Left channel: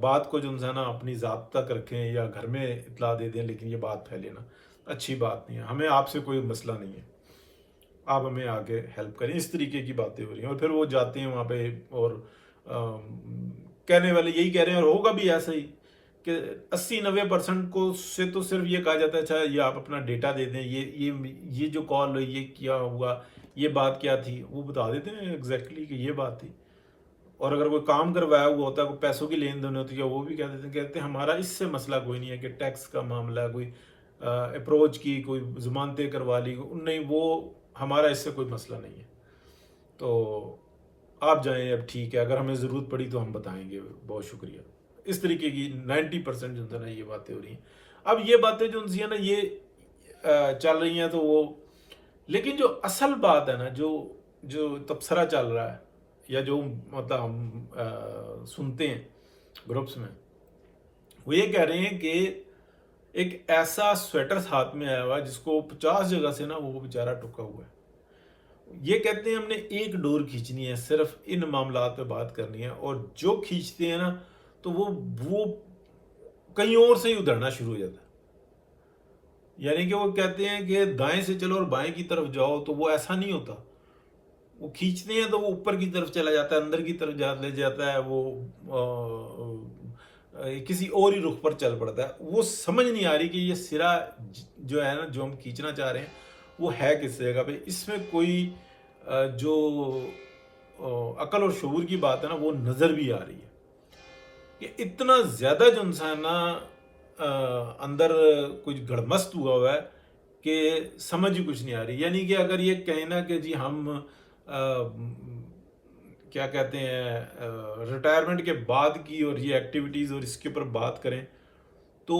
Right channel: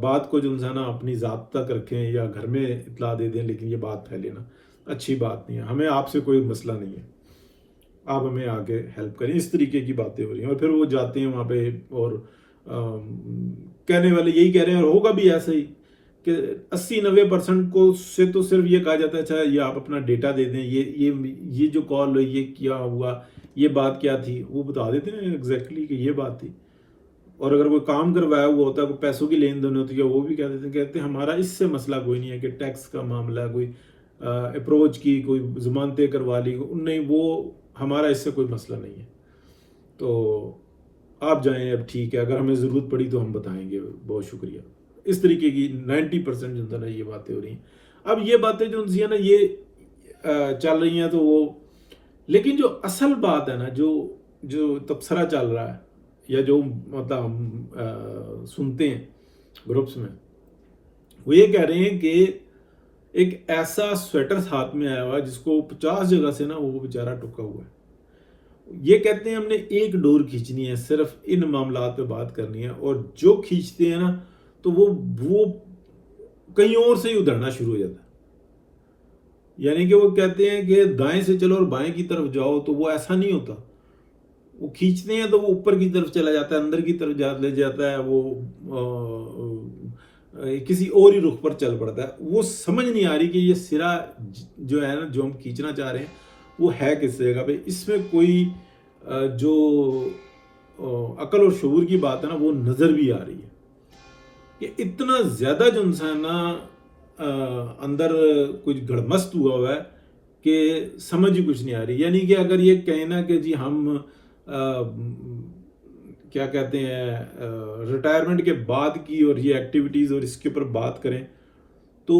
بات کو جو ہے نا اپنی ذات تک رکھیں یا گھر میں اطلاع دے دیں، لیکن یہ بات پھیلے نا، اچھی بات نہیں ہے. ہمیں آپ سے کوئی مسئلہ نہیں ہے، آپ ہمیں آگے ہیلپ کریں. اس طریقے کی باتیں ہو رہی ہیں، اور پھر وہ جاتے ہیں وہاں پہ اور کہنے والے یہی کہہ رہے ہیں، اور ہوگا بھی ایسا ہی کہ 80-90% کو سے تو صرف یہ کہا جاتا ہے اچھا یہ آپ اپنا ڈیٹا دے دیں، یہ جو کال ہوئی، یہ کیا ہوا، یہ بات کیا تھی، وہ بتا دیتے ہیں ایگزیکٹلی کہ یہ بات تھی. اور اگر کوئی کام کروایا ہوا ہوتا ہے، کوئی پیسوں کی لین دین ہوتی ہے، وہ بھی کہتے ہیں ہمارا اس سے مسئلہ کوئی نہیں ہے کہ ٹیکس کا معاملہ، کوئی اپروچ کی، کوئی ضمانتیں کروا لی، نہیں وہ ہمارا اس سے کوئی مسئلہ نہیں ہے. تو آپ جائیں، اب ٹھیک ہے، اگر ہمیں ضرورت پڑی تو ہم بتائیں گے، بہت شکریہ. اس طریقے کی 90% جو ہے نا یہ باتیں ہو رہی ہیں. اب یہ باتیں جو ہیں نا یہ چل رہی ہیں تو وہ، لیکن جو اصل بات ہے نا، جو تبصرہ چل رہا ہے یا جو مطلب ہم سنتے ہیں گروپس میں، وہ یہ کہہ رہے ہیں کہ ایک ایسا سویٹر ہاتھ میں آیا ہوا ہے جس کو 50 جگہ سے نا وہ بیچارہ ٹکا ہوا ہے. یہ کہتے ہیں ہم نے ایک ڈور کھینچنی ہے، صرف ان معاملات پہ بات کرنی ہے، اور جو کھینچتے ہیں نا تو وہ کہیں اور سے ہی ادھرنا شروع ہو جاتا ہے. یعنی کہ وہ کہتے ہیں کہ دائیں سے چلو اور بائیں کی طرف جاؤ، تو وہ ایسا نہیں ہوتا. وہ کھینچتے ہیں تو وہ اوپر کی طرف چلا جاتا ہے، اندر کی طرف لے جاتا ہے، وہ کسی اور ہی رخ پر چل پڑتا ہے. وہ سمجھ نہیں آ رہی کہ یہ سرا جو ہے نا جو ہم کھینچنا چاہ رہے ہیں وہ ہے کس جگہ پہ. اس میں کوئی جو عقل اور شعور کی بات ہے نا وہ نظر بھی آ رہی ہے کہ اتنا زیادہ جو انسان اندر کچھ گڑمست ہوا ہے کہ سمجھ ہی کچھ نہیں آ رہی. یعنی کہ اگر یہ کہیں نا کہ جی ہم کیا کہتے ہیں ریٹائرمنٹ کے بعد کی اور یہ ایکٹیویٹیز اور اس کے اوپر بات کریں تو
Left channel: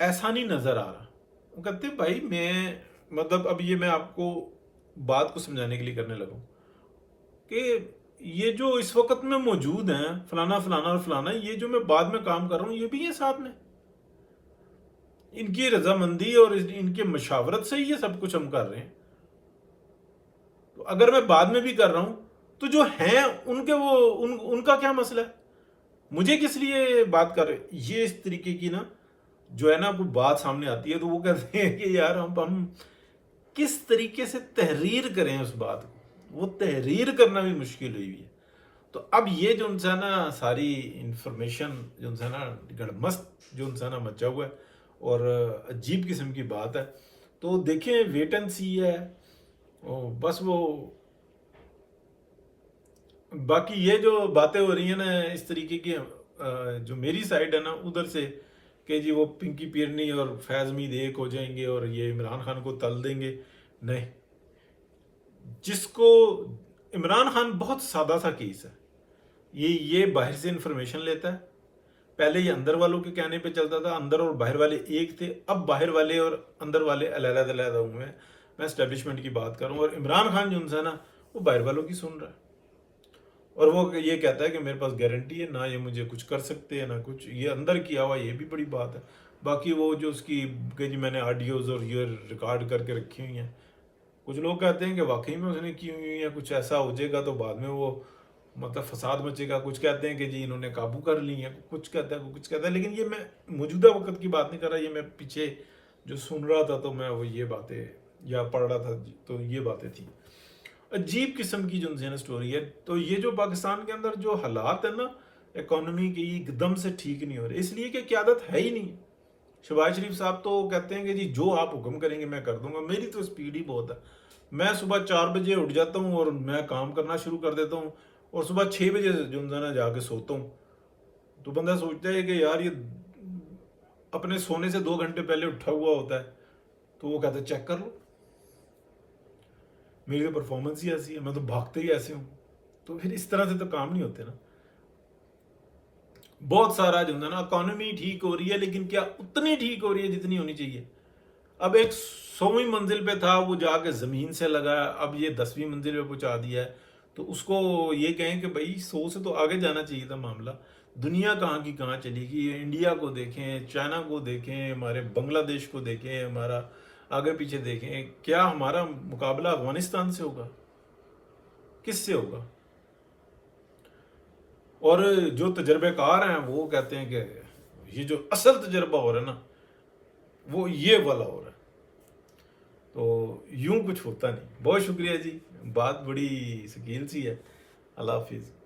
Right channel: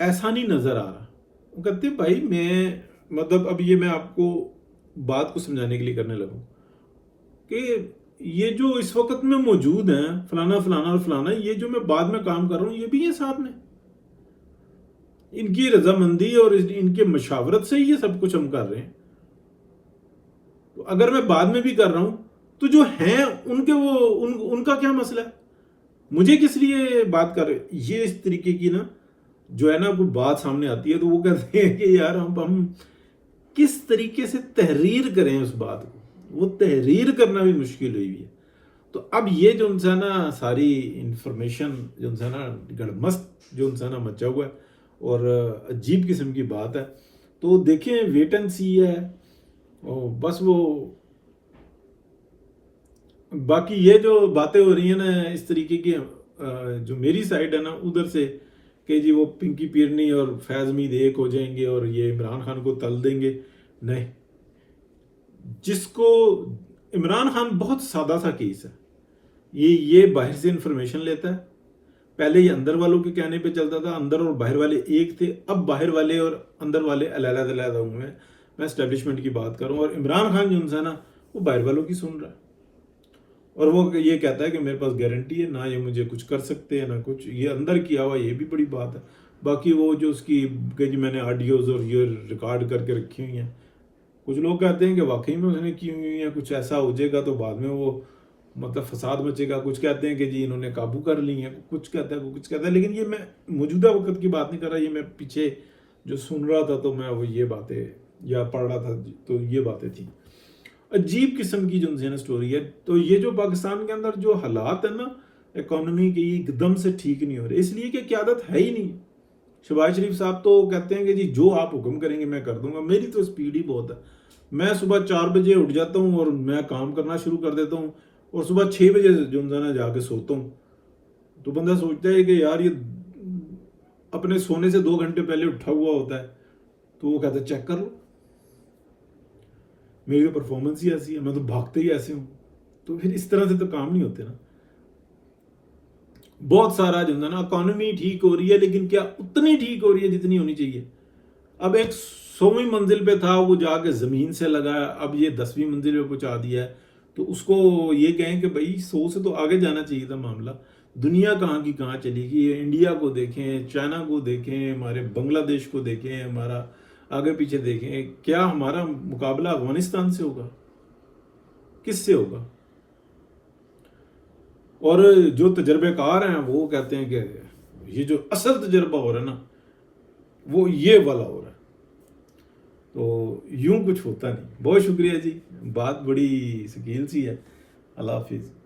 ایسا نہیں نظر آ رہا. وہ کہتے ہیں بھائی میں مطلب اب یہ میں آپ کو بات کو سمجھانے کے لیے کرنے لگا ہوں کہ یہ جو اس وقت میں موجود ہیں فلانا فلانا اور فلانا، یہ جو میں بعد میں کام کر رہا ہوں یہ بھی یہ ساتھ میں، ان کی رضامندی اور ان کے مشاورت سے یہ سب کچھ ہم کر رہے ہیں. تو اگر میں بعد میں بھی کر رہا ہوں تو جو ہیں ان کے ان کا کیا مسئلہ ہے، مجھے کس لیے بات کر رہے. یہ اس طریقے کی نا جو ہے نا کوئی بات سامنے آتی ہے تو وہ کہتے ہیں کہ یار ہم کس طریقے سے تحریر کریں اس بات کو. وہ تحریر کرنا بھی مشکل ہوئی ہے. تو اب یہ جو انسان نا ساری انفارمیشن جو انسان نا گڑمست جو انسان نا مچا ہوا ہے اور عجیب قسم کی بات ہے. تو دیکھیں ویٹ اینڈ سی ہے. بس وہ باقی یہ جو باتیں ہو رہی ہیں نا اس طریقے کی جو میری سائڈ ہے نا ادھر سے کہ جی وہ پنکی پیرنی اور فیض مید ایک ہو جائیں گے اور یہ عمران خان کو تل دیں گے. نہیں، جس کو عمران خان بہت سادہ سا کیس ہے. یہ باہر سے انفارمیشن لیتا ہے. پہلے یہ اندر والوں کے کہنے پہ چلتا تھا، اندر اور باہر والے ایک تھے. اب باہر والے اور اندر والے علیحدہ علیحدہ ہوئے ہیں. میں اسٹیبلشمنٹ کی بات کروں، اور عمران خان جو ہے نا وہ باہر والوں کی سن رہا ہے، اور وہ یہ کہتا ہے کہ میرے پاس گارنٹی ہے، نہ یہ مجھے کچھ کر سکتے ہیں نہ کچھ. یہ اندر کیا ہوا یہ بھی بڑی بات ہے. باقی وہ جو اس کی کہ جی میں نے آڈیوز اور یہ ریکارڈ کر کے رکھی ہوئی ہیں، کچھ لوگ کہتے ہیں کہ واقعی میں اس نے کی ہوئی ہیں. کچھ ایسا ہو جائے گا تو بعد میں وہ مطلب فساد مچے گا. کچھ کہتے ہیں کہ جی انہوں نے قابو کر لی ہیں، کچھ کہتا ہے. لیکن یہ میں موجودہ وقت کی بات نہیں کر رہا، یہ میں پیچھے جو سن رہا تھا تو میں وہ یہ باتیں یا پڑھ رہا تھا تو یہ باتیں تھیں. عجیب قسم کی جو نا سٹوری ہے. تو یہ جو پاکستان کے اندر جو حالات ہیں نا اکانومی کی ایک دم سے ٹھیک نہیں ہو رہے، اس لیے کہ قیادت ہے ہی نہیں. شہباز شریف صاحب تو کہتے ہیں کہ جی جو آپ حکم کریں گے میں کر دوں گا. میری تو سپیڈ ہی بہت ہے. میں صبح 4 بجے اٹھ جاتا ہوں اور میں کام کرنا شروع کر دیتا ہوں، اور صبح 6 بجے جو نا جا کے سوتا ہوں. تو بندہ سوچتا ہے کہ یار یہ اپنے سونے سے 2 گھنٹے پہلے اٹھا ہوا ہوتا ہے. تو وہ کہتا ہے چیک کر لو، میری تو پرفارمنس ہی ایسی ہے، میں تو بھاگتے ہی ایسے ہوں. تو پھر اس طرح سے تو کام نہیں ہوتے نا. بہت سارا جو نا اکانومی ٹھیک ہو رہی ہے، لیکن کیا اتنی ٹھیک ہو رہی ہے جتنی ہونی چاہیے. اب ایک 100ویں منزل پہ تھا، وہ جا کے زمین سے لگا، اب یہ 10ویں منزل پہ پہنچا دیا ہے. تو اس کو یہ کہیں کہ بھائی 100 سے تو آگے جانا چاہیے تھا معاملہ. دنیا کہاں کی کہاں چلی گئی. انڈیا کو دیکھیں، چائنا کو دیکھیں، ہمارے بنگلہ دیش کو دیکھیں، ہمارا آگے پیچھے دیکھیں. کیا ہمارا مقابلہ افغانستان سے ہوگا؟ کس سے ہوگا؟ اور جو تجربے کار ہیں وہ کہتے ہیں کہ یہ جو اصل تجربہ ہو رہا ہے نا وہ یہ والا ہو رہا ہے. تو یوں کچھ ہوتا نہیں. بہت شکریہ جی، بات بڑی ثقیل سی ہے. اللہ حافظ.